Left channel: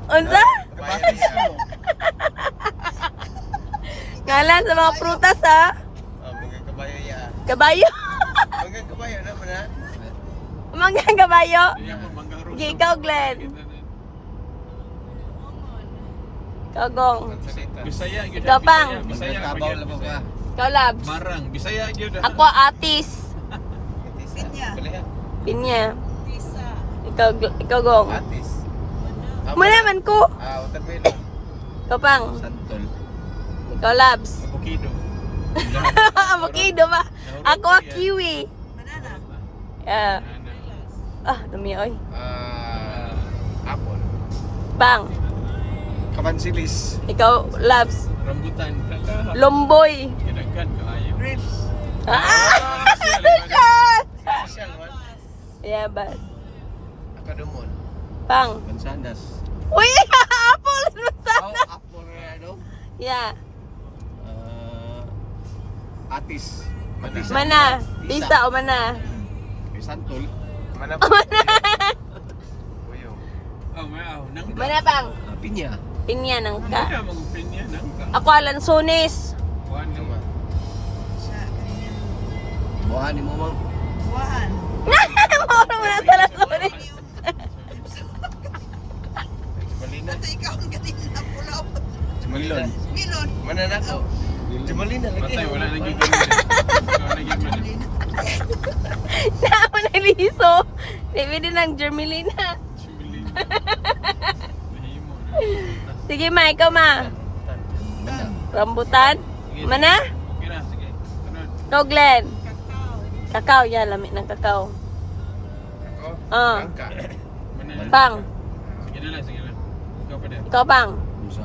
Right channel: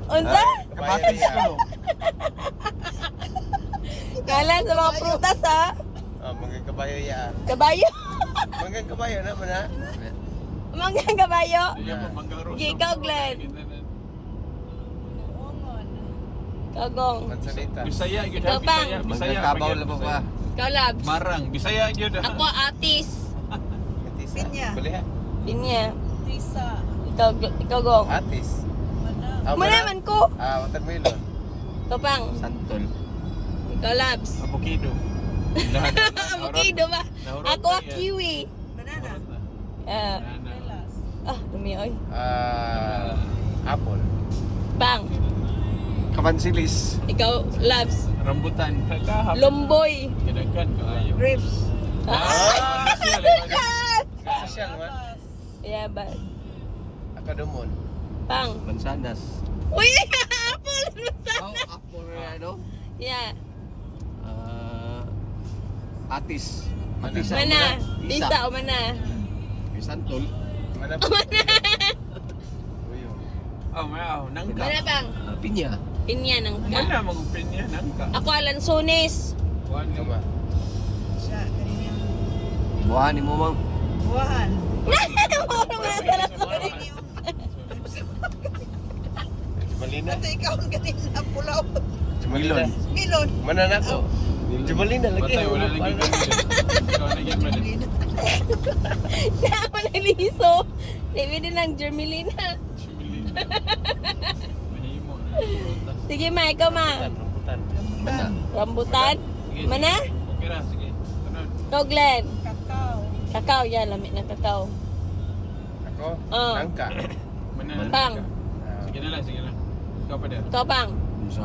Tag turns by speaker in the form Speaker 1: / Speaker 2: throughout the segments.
Speaker 1: Unsa?
Speaker 2: Kamatis ko.
Speaker 1: Ngalan sa mga prutas ha?
Speaker 3: Mga kabayo ya.
Speaker 1: Kabayo.
Speaker 3: Mga kabayo naman ha.
Speaker 1: Mga kabayo.
Speaker 2: Iya po manggang roso.
Speaker 1: Okay, ikaw, Glenn. Kagong.
Speaker 3: Mansalita.
Speaker 2: Bisaya gyud.
Speaker 1: Ikaw, Pang.
Speaker 2: Bisaya.
Speaker 4: Magkakabaw na po ka.
Speaker 1: Ikaw, Labs.
Speaker 2: Marang, Bisaya gyud.
Speaker 1: Ako, Atis.
Speaker 3: Pinya. Balihan.
Speaker 1: Pinya.
Speaker 5: Tisa.
Speaker 1: Ikaw, Gong.
Speaker 3: Atis.
Speaker 1: Manaman ko.
Speaker 3: Watermelon.
Speaker 1: Ikaw, Pang.
Speaker 2: Santol.
Speaker 1: Ikaw, Labs.
Speaker 2: Avocado.
Speaker 1: Avocado ba? Ako, kiwi.
Speaker 5: Banana.
Speaker 1: Yeah.
Speaker 5: Lilas.
Speaker 1: Dumi, oy.
Speaker 3: Apple.
Speaker 1: Pang.
Speaker 4: Kamansilis.
Speaker 1: Ikaw, Labs.
Speaker 2: Rambutan.
Speaker 1: Lomboy.
Speaker 2: Kinagan kaayo.
Speaker 5: Grapes.
Speaker 3: Social man.
Speaker 1: Yeah, ba?
Speaker 3: Akadumon.
Speaker 1: Pang.
Speaker 4: Mansanas.
Speaker 1: Uy, apple.
Speaker 4: Oh, apple na ano?
Speaker 1: Yeah.
Speaker 4: Atis.
Speaker 2: Matis.
Speaker 1: Mana? Tisa o mana?
Speaker 4: May santol.
Speaker 3: Mana
Speaker 1: O mana?
Speaker 3: Uyo.
Speaker 2: Nang
Speaker 1: Mana, Pang?
Speaker 4: Pinya.
Speaker 1: Pinya nang
Speaker 2: Mana
Speaker 1: ka.
Speaker 2: magpinya nang ka.
Speaker 1: Ako, Alansones.
Speaker 2: Kuan
Speaker 3: Ikaw ba?
Speaker 5: Siya. Kanina.
Speaker 4: Buhanin mo mang.
Speaker 5: Buwahan.
Speaker 1: Mauro mo na sa Alansones.
Speaker 3: Jumalina.
Speaker 5: Ate, ikaw ang kanina. Pulaw.
Speaker 3: Jumalina.
Speaker 5: Milon.
Speaker 3: Mana na to? Jumalina lagi.
Speaker 2: Patay, wala lagi ganun. Wala lagi ganun.
Speaker 1: Naman na liso. David din ang Germelina.
Speaker 2: Mahimo.
Speaker 1: Sige, ma. Ikaw, ma.
Speaker 4: Mana?
Speaker 1: Rambutan. Mana?
Speaker 2: Okay na, sige. Sunod.
Speaker 1: Ikaw, Glenn.
Speaker 5: Kakao.
Speaker 1: Kakao. Yan, lamit ng kakao.
Speaker 3: Ako?
Speaker 1: Ah.
Speaker 3: Langka.
Speaker 2: Mana-
Speaker 1: Pang.
Speaker 2: Sige na lang, sige lang. Ikaw pa din.
Speaker 1: Ikaw, Pang.
Speaker 4: Unsa?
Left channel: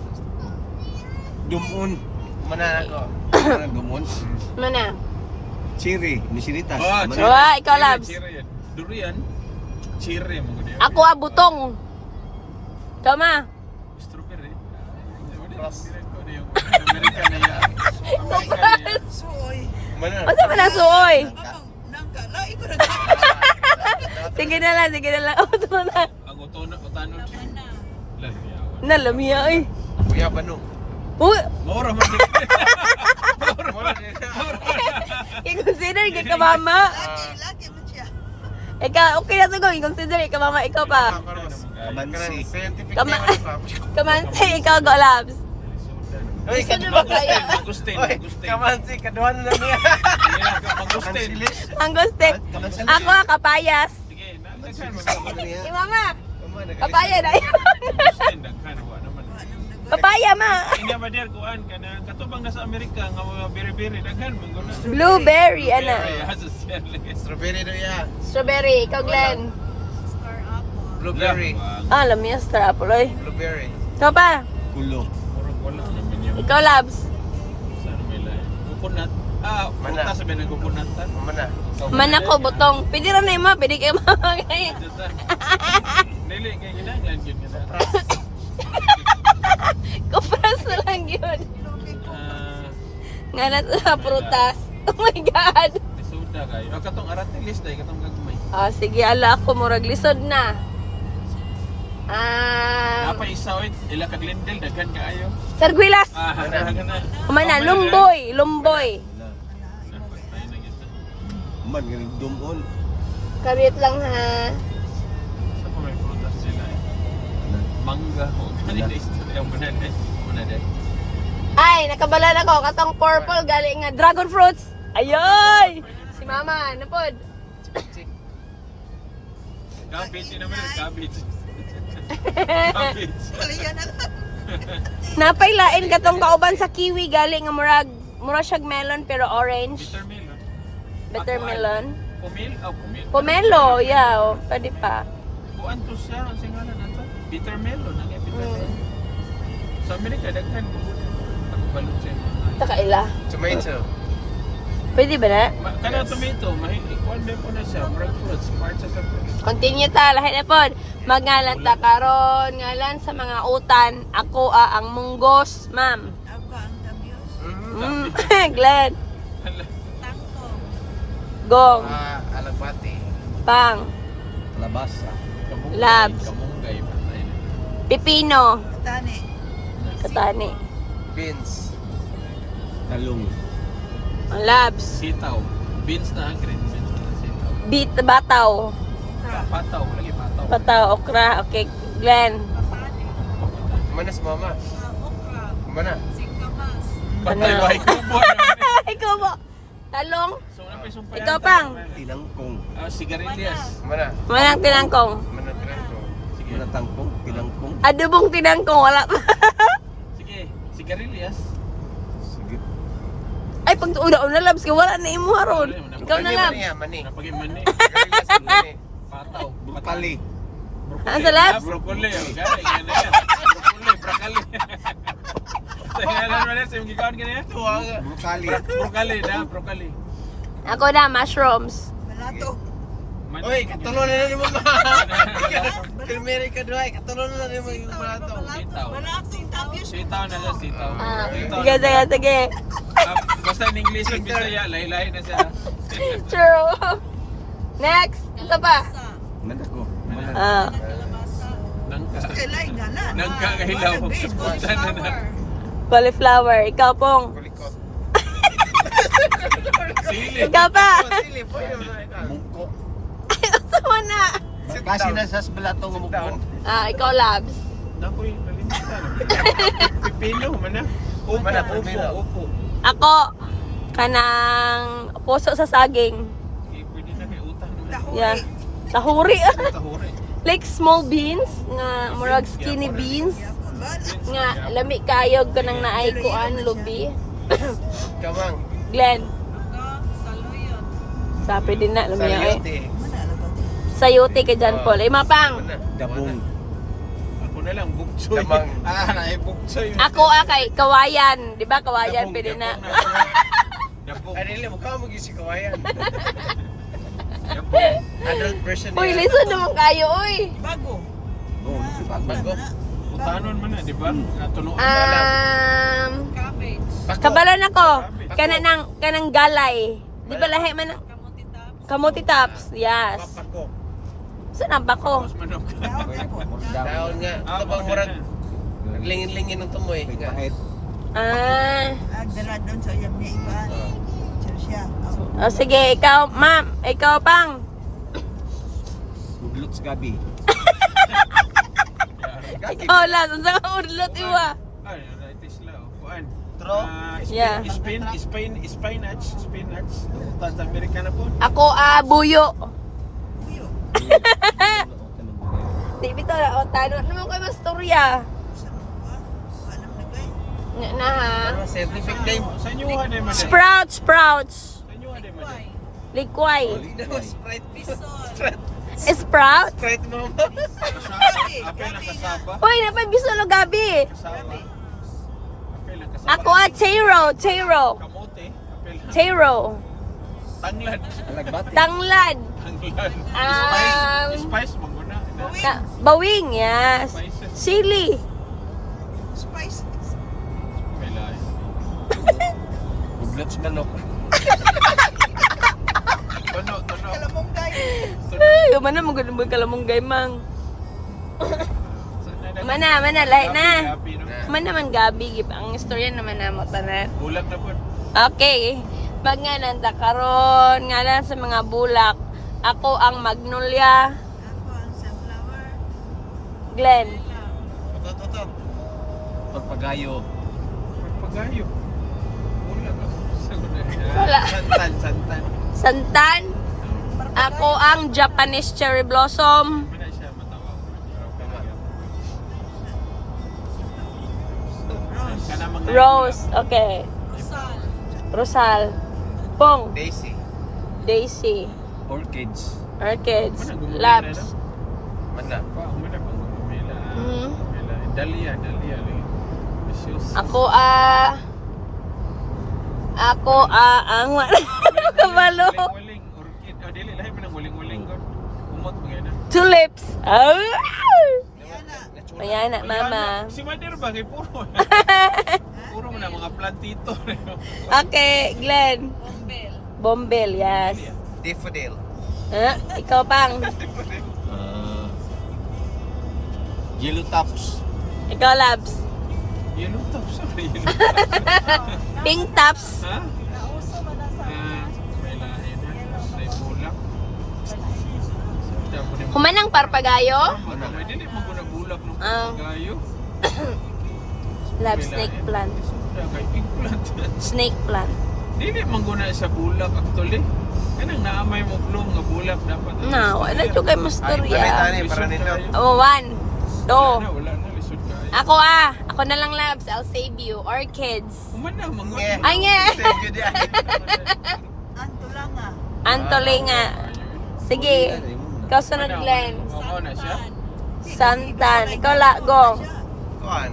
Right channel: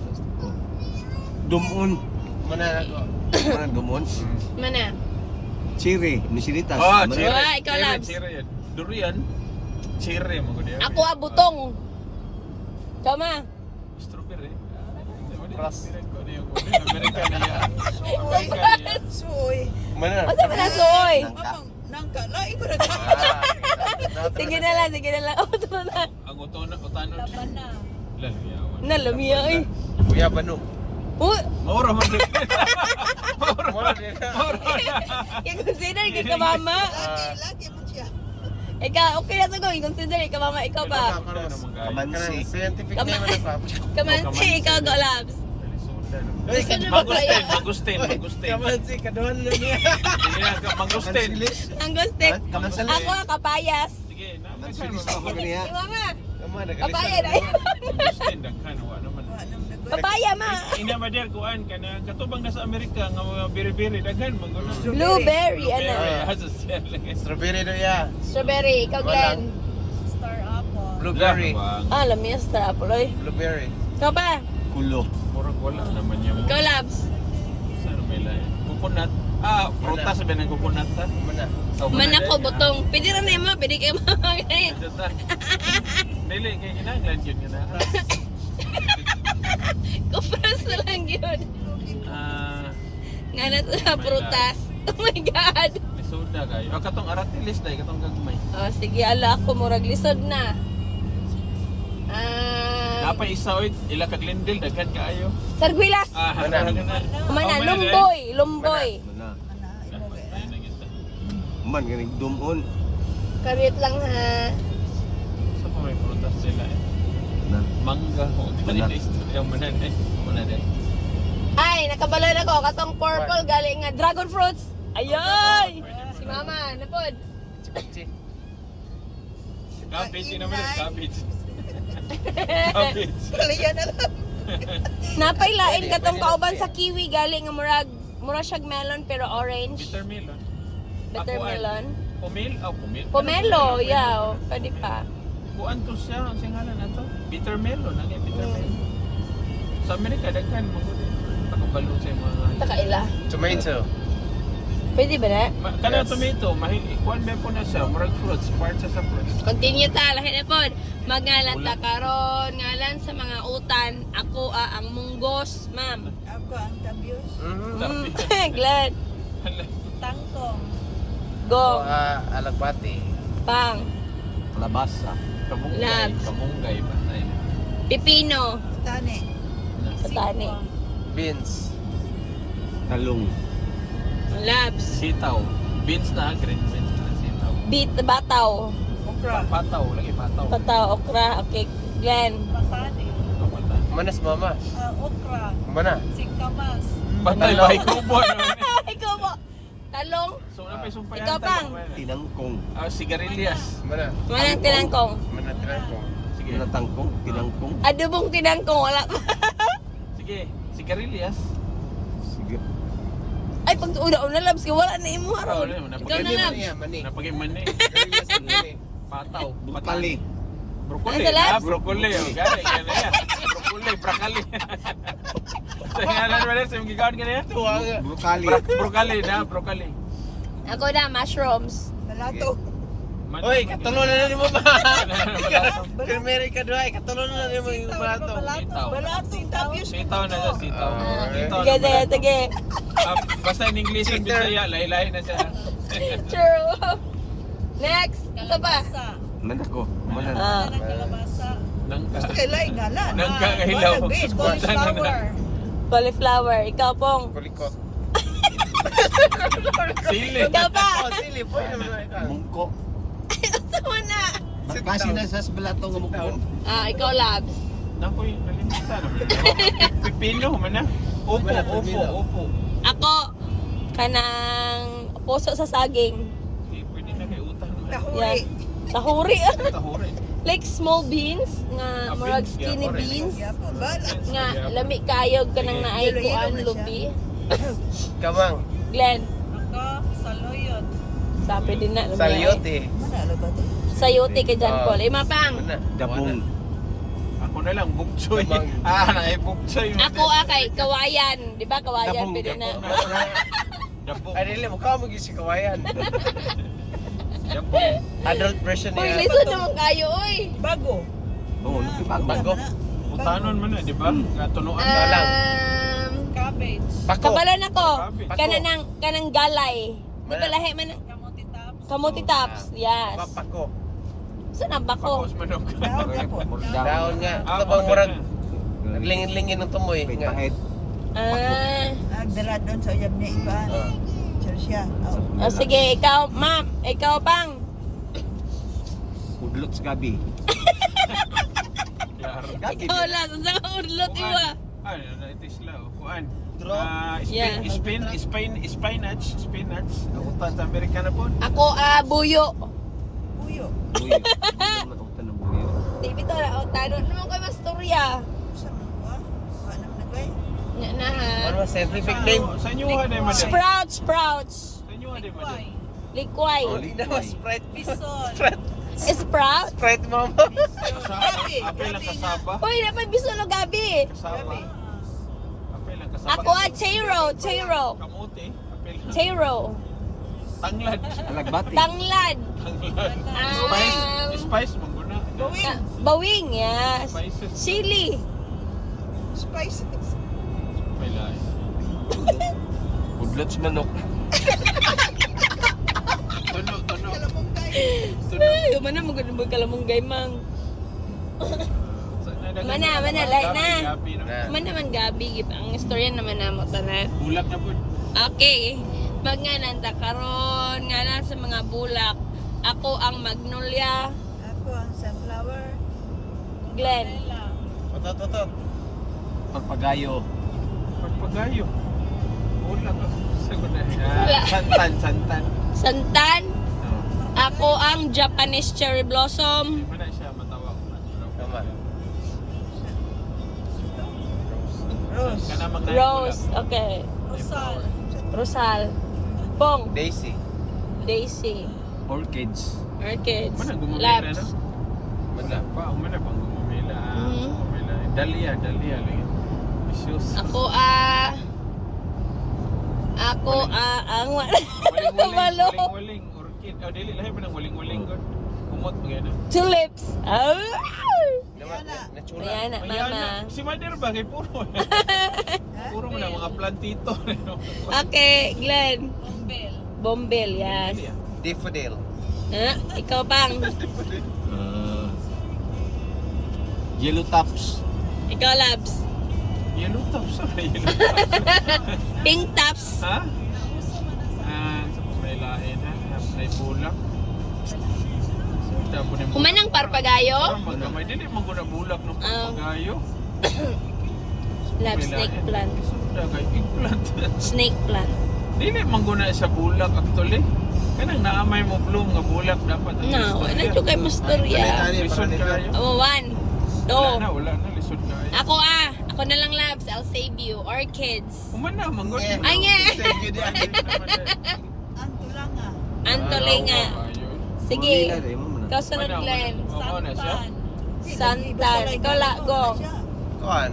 Speaker 4: Dumon.
Speaker 3: Mana na ko?
Speaker 4: Mana dumon?
Speaker 1: Mana?
Speaker 4: Cherry. Nisilitas.
Speaker 2: Oh,
Speaker 4: Mana?
Speaker 2: cherry.
Speaker 1: Wah, ikaw,
Speaker 2: Cherry,
Speaker 1: Labs.
Speaker 2: cherry yan. Durian. Cherry mo ko diyan.
Speaker 1: Ako, butong. Ikaw, ma.
Speaker 2: Strawberry.
Speaker 3: Cross.
Speaker 2: American na yan. American na yan.
Speaker 5: Soy.
Speaker 3: Mana?
Speaker 1: Basta pa na suoy.
Speaker 5: Mamang. Nangka. Lai ko na.
Speaker 1: Sige na lang, sige na lang. Ito na.
Speaker 2: Ang utano siya.
Speaker 5: Laban na.
Speaker 2: Lalayawan.
Speaker 1: Nalamiya, ay.
Speaker 3: Kuya Banu.
Speaker 1: Uy,
Speaker 2: Mora man.
Speaker 3: Mura din na.
Speaker 1: i-consider ka mama.
Speaker 5: Lagi man siya.
Speaker 1: Ikaw, okay na siguro. I-consider ka mama. Ikaw pa.
Speaker 4: Kamansi.
Speaker 3: Scientific
Speaker 1: Kama-
Speaker 3: name ano pa?
Speaker 1: Kamansi, ikaw, go, Labs.
Speaker 3: Uy,
Speaker 1: Gusto na ba kaya?
Speaker 2: Magustin,
Speaker 3: Uy,
Speaker 2: magustin.
Speaker 3: kamansi, kaduhan na niya.
Speaker 2: Magustin.
Speaker 1: Ang gustik.
Speaker 4: Kamansilis.
Speaker 1: Ako, kapayas.
Speaker 2: Sige,
Speaker 4: Mansilis ako niya.
Speaker 1: Eh, mama.
Speaker 3: Kama,
Speaker 1: Kapaya na yun.
Speaker 2: Magustin, daghan. Wa naman.
Speaker 5: Anong nagwa?
Speaker 1: Kapaya, ma.
Speaker 2: Hindi ba der kuan kana katubang nasa Amerika nga mga biri-biri daghan man guna.
Speaker 1: Blueberry, ano?
Speaker 3: Strawberry do ya.
Speaker 1: Strawberry, ikaw, Glenn.
Speaker 5: Star apple.
Speaker 3: Blueberry.
Speaker 1: Lamiya sa apple, oy.
Speaker 3: Blueberry.
Speaker 1: Ikaw pa.
Speaker 4: Kulo.
Speaker 2: Murag wala naman yung
Speaker 1: Ikaw, Labs.
Speaker 2: saan may lain. Coconut.
Speaker 3: Mana?
Speaker 2: Prutas sabi ng coconut.
Speaker 3: Mana?
Speaker 1: Man ako, butong. Pwede rin na yung ma. Pwede kayo mama.
Speaker 2: Dili kay ginaglan yun kada.
Speaker 1: Kupras na lang yun.
Speaker 2: Ah,
Speaker 1: Nga na sa prutas. Oh my God.
Speaker 2: soda kayo. Katong aratilis dai katong gagmay.
Speaker 1: Sige, ala ako. Murag lisod na.
Speaker 2: Napay isa oy ila ka Glendale daghan kaayo.
Speaker 1: Sarguilas.
Speaker 2: Mana?
Speaker 1: Mana, lumboy. Lumboy.
Speaker 4: Man, ganing dumon.
Speaker 1: Kabit lang ha.
Speaker 2: Sa pa may prutas sila eh. Mangga o kanina istorya mo na din. Muna din.
Speaker 1: Ay, nakabalan ako. Katong purple galing nga dragon fruits. Ayoy! Si mama, napod.
Speaker 2: Cabbage naman yung cabbage. Cabbage.
Speaker 5: Kaliya na lang.
Speaker 1: Napailain katong kauban sa kiwi galing nga murag siyang melon pero orange.
Speaker 2: Bitter melon.
Speaker 1: Bitter
Speaker 2: Ako,
Speaker 1: melon.
Speaker 2: Pomelo. Pomelo.
Speaker 1: Pomelo, yeah. Pwede pa.
Speaker 2: Buan to siya. Ang singalan na to. Bitter melon. Ang bitter melon. Sa Amerika, daghan mo. Pagkabalo sa mga...
Speaker 1: Takaila.
Speaker 3: Tomato.
Speaker 1: Pwede ba na?
Speaker 2: Kana tomato, ikuan may po na siya. Murag fruits. Part sa fruits.
Speaker 1: Continue ta. Lahat na pod. Magngalan ta karon. Ngalan sa mga utan. Ako ang munggos, ma'am.
Speaker 5: Ako ang tabios.
Speaker 1: Glenn.
Speaker 5: Tangkong.
Speaker 1: Go.
Speaker 3: Alagbati.
Speaker 1: Pang.
Speaker 4: Labasa.
Speaker 2: Kamunggay.
Speaker 1: Labs.
Speaker 2: Kamunggay. Patay na.
Speaker 1: Pipino.
Speaker 5: Tani.
Speaker 1: Katani.
Speaker 3: Beans.
Speaker 4: Talong.
Speaker 1: Labs.
Speaker 2: Sitaw. Beans na, green beans na sitaw.
Speaker 1: Bataw.
Speaker 5: Okra.
Speaker 2: Pataw, lagi pataw.
Speaker 1: Pataw, okra. Okay, Glenn.
Speaker 5: Patani.
Speaker 3: Manas mama.
Speaker 5: Okra.
Speaker 3: Mana?
Speaker 5: Singkamas.
Speaker 2: Patay ba ikubo?
Speaker 1: Ikaw mo. Talong.
Speaker 2: So, ano pa yung sumpayan?
Speaker 1: Ikaw pang.
Speaker 4: Tinangkong.
Speaker 2: Sigarilyas.
Speaker 3: Mana?
Speaker 1: Manang tinangkong.
Speaker 3: Mana tinangkong.
Speaker 2: Sige.
Speaker 4: Tinatangkong. Tinangkong.
Speaker 1: Adobong tinangkong. Wala.
Speaker 2: Sige. Sigarilyas.
Speaker 4: Sige.
Speaker 1: Ay, pag una labs ka, wala na imo haron. Ikaw na labs.
Speaker 3: Mani.
Speaker 2: Napagay mani.
Speaker 3: Garilas ang mani.
Speaker 2: Pataw.
Speaker 4: Brutali.
Speaker 1: Ah, sa labs?
Speaker 2: Broccoli. Oh, gani, gani yan. Broccoli, broccoli. Sa nga naman sa yung gigawin ka na yan?
Speaker 3: Tuwa nga.
Speaker 4: Brutali.
Speaker 2: Broccoli na, broccoli.
Speaker 1: Ako na, mushrooms.
Speaker 5: Balato.
Speaker 3: Oy, katulon na ni mama. Primeri ka doy, katulon na ni mo yung bato.
Speaker 2: Sitaw.
Speaker 5: Balato. Tabios.
Speaker 2: Sitaw na siya, sitaw.
Speaker 1: Ah,
Speaker 2: Sitaw
Speaker 1: sige,
Speaker 2: na.
Speaker 1: sige, sige.
Speaker 2: Basta in English yung Bisaya, lahi-lahi na siya.
Speaker 1: True. Next. Isa pa.
Speaker 5: Kalabasa.
Speaker 4: Manako. Manan.
Speaker 1: Ah.
Speaker 5: Kalabasa.
Speaker 2: Nangka.
Speaker 5: Kailan nga na.
Speaker 2: Nangka kahilaw.
Speaker 5: Cauliflower.
Speaker 1: Cauliflower. Ikaw pong.
Speaker 3: Kulikot.
Speaker 2: Sili.
Speaker 1: Ikaw pa.
Speaker 3: Oh, sili, pwede mo na ikaw.
Speaker 4: Mungko.
Speaker 1: Sama na.
Speaker 4: Kasi na sa balato ng mukbang.
Speaker 1: Ah, ikaw labs.
Speaker 2: Nakoy, nalimutan. Pipino, mana. Upo,
Speaker 3: Mana,
Speaker 2: upo,
Speaker 3: pipino.
Speaker 2: upo.
Speaker 1: Ako, kanang puso sa saging.
Speaker 2: Okay, pwede na kay utang.
Speaker 1: Yeah.
Speaker 5: Tahuri.
Speaker 1: Tahuri.
Speaker 2: Tahore.
Speaker 1: Like small beans nga murag skinny beans
Speaker 5: Yapon ba?
Speaker 1: nga lami kayog kanang naay kuan lubi.
Speaker 3: Kamang.
Speaker 1: Glenn,
Speaker 5: Ako, saluyot.
Speaker 1: sabi din na lami.
Speaker 3: Salyote.
Speaker 5: Mana na ba?
Speaker 1: Sayote ka dyan, Paul. Ay, mapang.
Speaker 3: Mana?
Speaker 4: Dabong.
Speaker 2: Ako na lang, buksoy.
Speaker 3: Damang.
Speaker 2: Naay buksoy.
Speaker 1: Ako kay kawayan. Di ba kawayan?
Speaker 4: Dabong,
Speaker 1: Pwede na.
Speaker 2: Dabong.
Speaker 3: Ay, dili mo ka mo gisi kawayan.
Speaker 2: Dabong.
Speaker 3: Adult version
Speaker 1: Uy,
Speaker 3: niya.
Speaker 1: listen naman kayo, uy.
Speaker 5: Bago.
Speaker 4: Oh, bago.
Speaker 2: Utanon man na, di ba? Tunuan na lang.
Speaker 5: Cabbage.
Speaker 3: Bako.
Speaker 1: Kabalan ako.
Speaker 3: Bako.
Speaker 1: Kanang galay. Di ba lahi man?
Speaker 5: Kamuti taps.
Speaker 1: Kamuti tops. Yes.
Speaker 3: Papako.
Speaker 1: Saan ang bako?
Speaker 2: Tapos manok.
Speaker 5: Dahon na po.
Speaker 3: Daon nga.
Speaker 2: Ah,
Speaker 3: Ito bang
Speaker 2: okay
Speaker 3: murag
Speaker 2: na.
Speaker 3: lingin-lingin ng tumoy.
Speaker 4: May
Speaker 3: Nga.
Speaker 4: pahit.
Speaker 1: Ah.
Speaker 5: Agdala doon sa uyab niya iba. Sure siya.
Speaker 1: Oh, sige, ikaw, ma'am. Ikaw pang.
Speaker 4: Udlot sa gabi.
Speaker 1: Ikaw lang. Sa urlot iwa.
Speaker 2: Ay, naitis lang. Kuan.
Speaker 3: Draw?
Speaker 1: Yeah.
Speaker 2: Spinach. Utan sa Amerika na po.
Speaker 1: Ako, buyo.
Speaker 5: Puyo.
Speaker 1: Di bitaw na, o, tanong naman kayo mastorya.
Speaker 5: Sa mga ba? Wala naman na kayo.
Speaker 1: Na ha?
Speaker 3: Ano ba scientific name?
Speaker 2: Sa inyo ha na man.
Speaker 1: Sprouts.
Speaker 2: Sa inyo ha na man.
Speaker 5: Likway.
Speaker 1: Likway.
Speaker 3: Oli na mo, Sprite.
Speaker 5: Bison.
Speaker 1: Sprout?
Speaker 3: Sprite mama.
Speaker 2: Apel lang kasaba.
Speaker 1: Uy, naman biso no gabi.
Speaker 2: Kasaba. Apel lang kasaba.
Speaker 1: Ako taro.
Speaker 2: Kamote. Apel lang.
Speaker 1: Taro.
Speaker 2: Tanglad.
Speaker 4: Nagbati.
Speaker 1: Tanglad.
Speaker 2: Tanglad. Spice maguna.
Speaker 1: Bawing, yes.
Speaker 2: Spices.
Speaker 1: Chili.
Speaker 5: Spices.
Speaker 2: Apel.
Speaker 3: Udlot sa manok.
Speaker 2: Tuno.
Speaker 5: Kalamong
Speaker 1: Ay, mana mo ganun mo kalamunggay mang. Mana, lahi na. Man naman gabi, gip. Ang istorya naman na mo tanan.
Speaker 2: Bulak na po.
Speaker 1: Okay. Pag nga nanta karon nga lang sa mga bulak. Ako ang magnolia.
Speaker 5: Ako ang sunflower.
Speaker 1: Glenn.
Speaker 5: Lela.
Speaker 3: Otot.
Speaker 4: Pagpagayo.
Speaker 2: Magpagayo. Bulak ako.
Speaker 1: Wala.
Speaker 2: Santan.
Speaker 1: Santan. Ako ang Japanese cherry blossom.
Speaker 2: Mana siya matawa.
Speaker 5: Rose.
Speaker 1: Rose. Okay.
Speaker 5: Rosal.
Speaker 1: Rosal. Pong.
Speaker 3: Daisy.
Speaker 1: Daisy.
Speaker 4: Orchids.
Speaker 1: Orchids.
Speaker 2: Mana gumamila
Speaker 1: Labs.
Speaker 2: na?
Speaker 3: Mana?
Speaker 2: Wow, mana bang gumamila?
Speaker 1: Mhm.
Speaker 2: Dahlia lagi. Issues.
Speaker 1: Ako ang Malo.
Speaker 2: Waling orchid. Oh, dili lahi man ang waling ko. Umot mo gana.
Speaker 1: Tulips. Oh.
Speaker 3: Natsura.
Speaker 1: Ayan na, mama.
Speaker 2: Si Mother ba kay puro. Puro mo na mga plantito.
Speaker 1: Okay, Glenn.
Speaker 5: Bombel.
Speaker 1: Bombel, yes.
Speaker 3: Daffodil.
Speaker 1: Ikaw pang.
Speaker 4: Yellow tops.
Speaker 1: Ikaw, Labs.
Speaker 2: Yellow tops na yellow tops.
Speaker 1: Pink tops.
Speaker 2: Ha? May lain na. May bulak.
Speaker 1: Humanang parpagayo.
Speaker 2: May dili mo na bulak ng
Speaker 1: Ah.
Speaker 2: pagayo.
Speaker 1: Labs, snake plant.
Speaker 2: Kay eggplant.
Speaker 1: Snake plant.
Speaker 2: Dili man guna sa bulak actually. Kanang naamay mo bloom nga bulak dapat.
Speaker 1: No, wala dyan kayo masturya.
Speaker 3: Ay, para nito.
Speaker 1: Oh, 1, 2.
Speaker 2: Wala na, lisod kayo.
Speaker 1: Ako na lang, Labs. I'll save you. Orchids.
Speaker 2: Umana, mangon.
Speaker 3: Yeah.
Speaker 1: Ay, nga.
Speaker 3: Save you diyan.
Speaker 5: Anto lang ah.
Speaker 1: Antole nga. Sige. Ikaw sunod, Glenn.
Speaker 2: Oo na siya.
Speaker 1: Santan. Ikaw, Lagong.
Speaker 3: Kuan.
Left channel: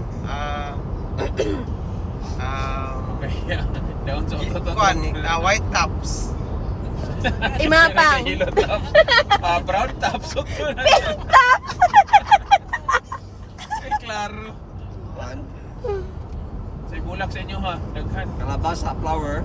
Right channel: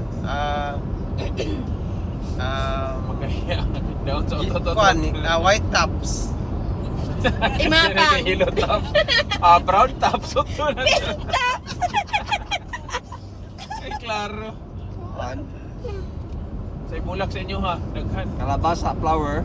Speaker 2: Kaya, daon sa otot.
Speaker 3: Kuan, white tops.
Speaker 1: Imapang.
Speaker 2: Yellow top. Brown top. Sukto na.
Speaker 1: Pink tops.
Speaker 2: Ay, klaro. Sa bulak sa inyo ha. Daghan.
Speaker 4: Kalabasa, flower.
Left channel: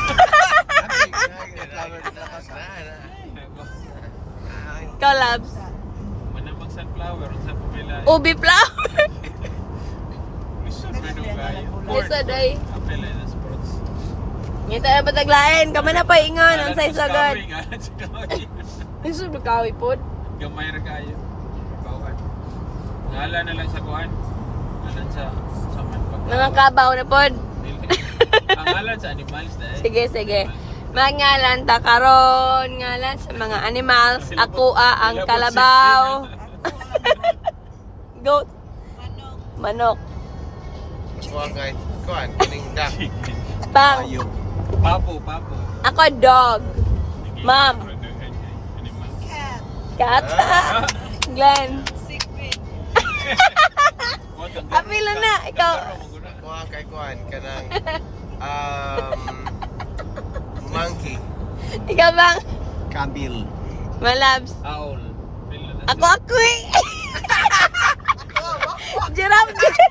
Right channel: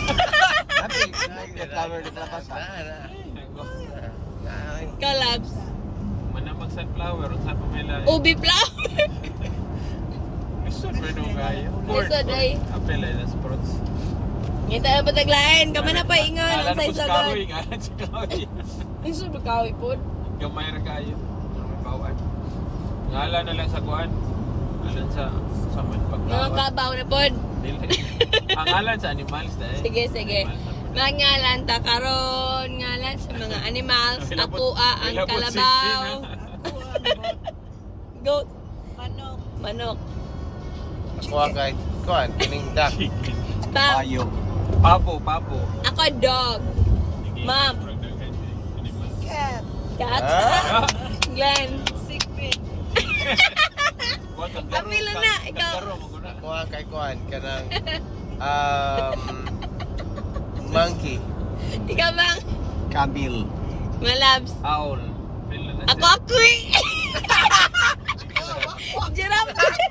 Speaker 1: Ikaw, Labs.
Speaker 2: Manamang sunflower. Saan po may lahat?
Speaker 1: Ubi flower.
Speaker 2: Lisod ba nung gayo?
Speaker 1: Lisod ay.
Speaker 2: Apel ay nas fruits.
Speaker 1: Ngita na pataglain. Kama na paingan. Ang say sagad.
Speaker 2: Gamay
Speaker 1: Lisod na kawi po.
Speaker 2: ra kayo. Bawan. Ngala na lang sa kuan. Ngalan sa man pagkawan.
Speaker 1: Mga kabaw na po.
Speaker 2: Dili. Ang ngalan sa animals dahil.
Speaker 1: Sige, sige. Mangalan ta karon, ngalan sa mga animals. Ako ang kalabaw. Goat. Manok.
Speaker 3: Kuan kay kuan, kining duck.
Speaker 1: Pang.
Speaker 4: Bayo.
Speaker 2: Papo.
Speaker 1: Ako dog. Ma'am.
Speaker 2: Animal.
Speaker 5: Cat.
Speaker 1: Cat.
Speaker 2: Ah!
Speaker 1: Glenn.
Speaker 5: Sigbit.
Speaker 2: Kuwan, kanggaro.
Speaker 1: Apila na, ikaw.
Speaker 2: Kanggaro, maguna.
Speaker 3: Kuan kay kuan kanang monkey.
Speaker 1: Ikaw bang?
Speaker 4: Camel.
Speaker 1: Malabs.
Speaker 2: Owl. Pila na
Speaker 1: Ako eh. Giraffe.